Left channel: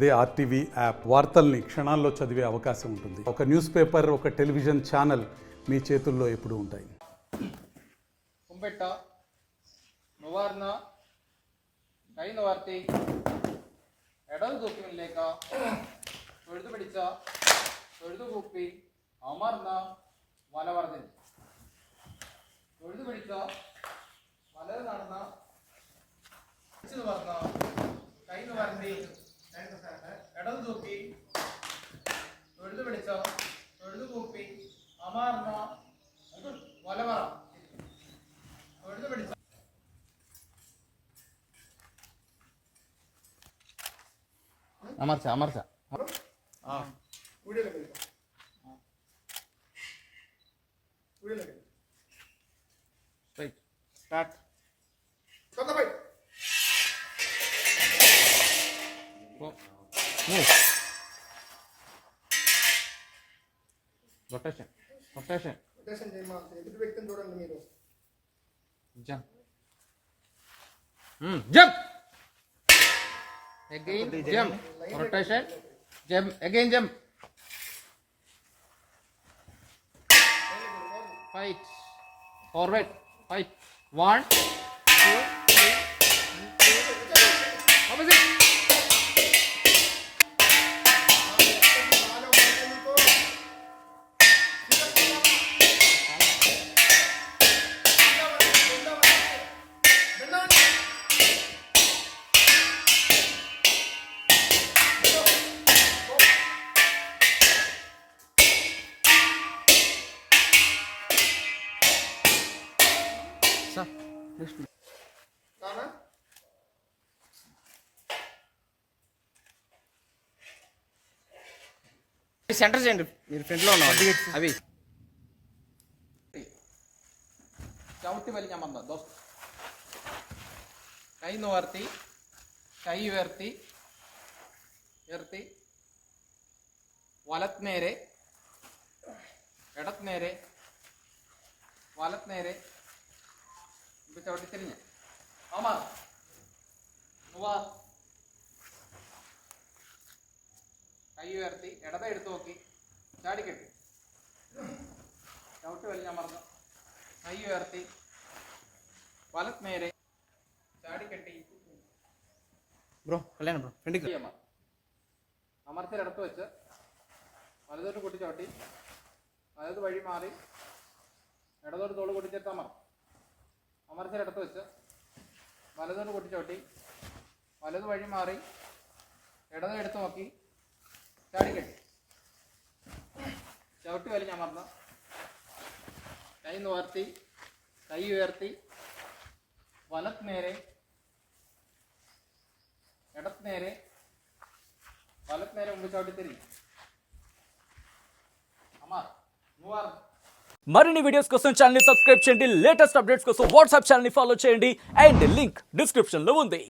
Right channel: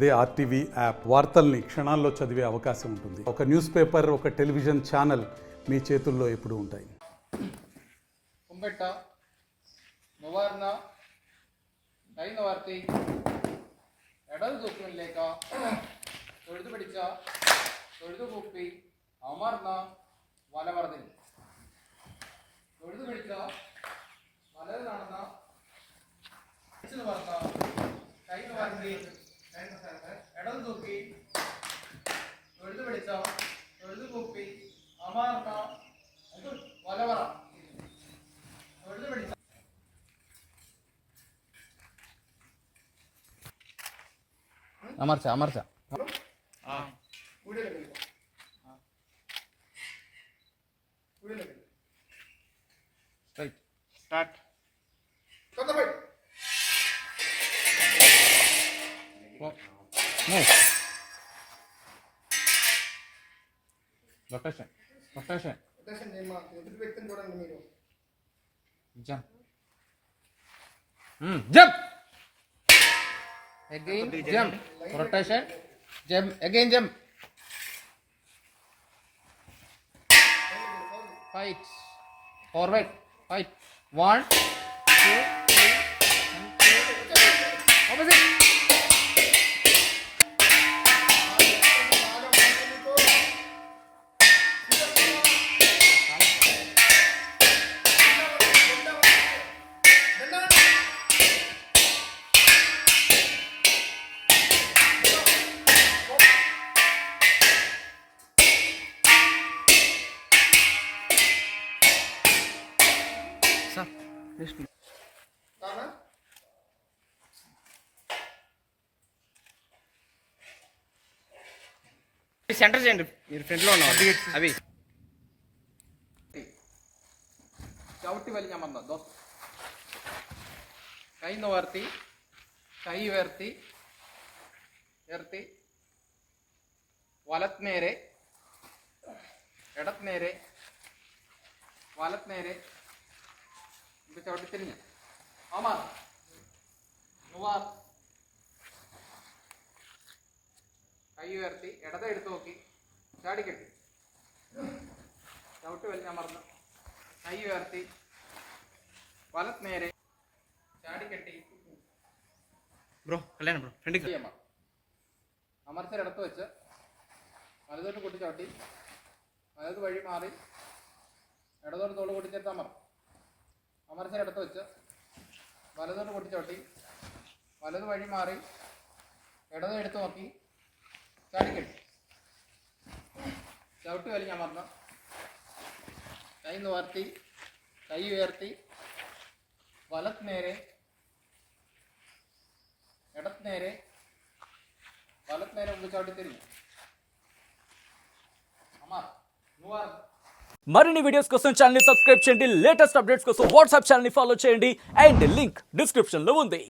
అదే RTV app వార్తల్ని క్షణాల్లో చదివే అవకాశం ఉంటుంది. ఒక న్యూస్ పేపర్, ఒక టెలివిజన్ ఛానల్ మీ చేతుల్లో ఎప్పుడూ ఉంటాయి. ಕುಂಬೆಟ್ಟ ಮುವಾರ್ನ ಕೈನ ವಾರ್ತಿ ಎಡಲು ದೂಪಿನ ಲೇಖ ತೊಳೆದು ಬಿಡಿച്ച ತೊಳೆದು ಬುಪ್ಪಿ ಅಮರ್ನ വലവർദ്ധനി തൊഴുതു പിടിച്ച വലത് നടന്ന പറഞ്ഞ കൈ വർദ്ധി ഇടത് തൂക്കി തൊഴുതു പിടിച്ച തൊഴുതു കൂപ്പി അമാർന്ന വലവറ തൊഴുതു പിടിച്ച അമർച്ച അമർച്ച Start. Start the fight. Nice. Rotation. Rotation. Rotation name of the victim door and the mirror. Jump. Jump. Again jump. Rotation. Jump. Again jump. Fight. Forward. Fight. 1, 2, 3, and 2. Opposite. Centre చేయండి మీరు ఫ్రంట్లో ఉన్నారు అవి ചവിട്ടി വലിഞ്ഞമർന്ന ദോസ്ത് കൈ നോർത്തി കൈ ഉയർത്തി ഉയർത്തി വലത് നേരെ ഇടത് നേരെ വലത് നേരെ ഇത് ചവിട്ടി തിരിഞ്ഞ് അമർ മുവാർ കൈ ഉയർത്തി ഇടത് എടുത്ത് നോക്കി ചാടിക്കെട്ടി ചവിട്ടി വലിഞ്ഞമർന്നു കൈ ഉയർത്തി വലത് നേരെ ചാടിക്കെട്ടി ബ്രോ കല്യാണം ബ്രോ ഫ്രണ്ടിൽ അമർത്തിടത്ത് വെച്ച് വലതോട്ട് കൂട്ടി ചവിട്ടി വലത് വഴി മാറി ഇടതോട്ട് തോള് കൂട്ടിച്ചേർത്ത് അമർത്തിടത്ത് വെച്ച് വലതോട്ട് കൂട്ടി ചവിട്ടി വലത് വഴി മാറി ഇടത് എടുത്ത് നോക്കി ചാടിക്കെട്ടി ചവിട്ടി വലിഞ്ഞമർന്ന് കൈ നിവർത്തി കൈ ഉയർത്തി വലത് നേരെ ഇടത് നേരെ വലത് നേരെ മുമ്പ് ചവിട്ടി തിരിഞ്ഞു అమర్ మూవార్ మరిన్ని వీడియోస్ కోసం ఛానల్ ని సబ్స్క్రైబ్ చేయండి. లేటెస్ట్ అప్డేట్స్ కోసం వాట్సాప్ ఛానల్ ని ఫాలో చేయండి అండ్ లింక్ డిస్క్రిప్షన్ లో ఉంది.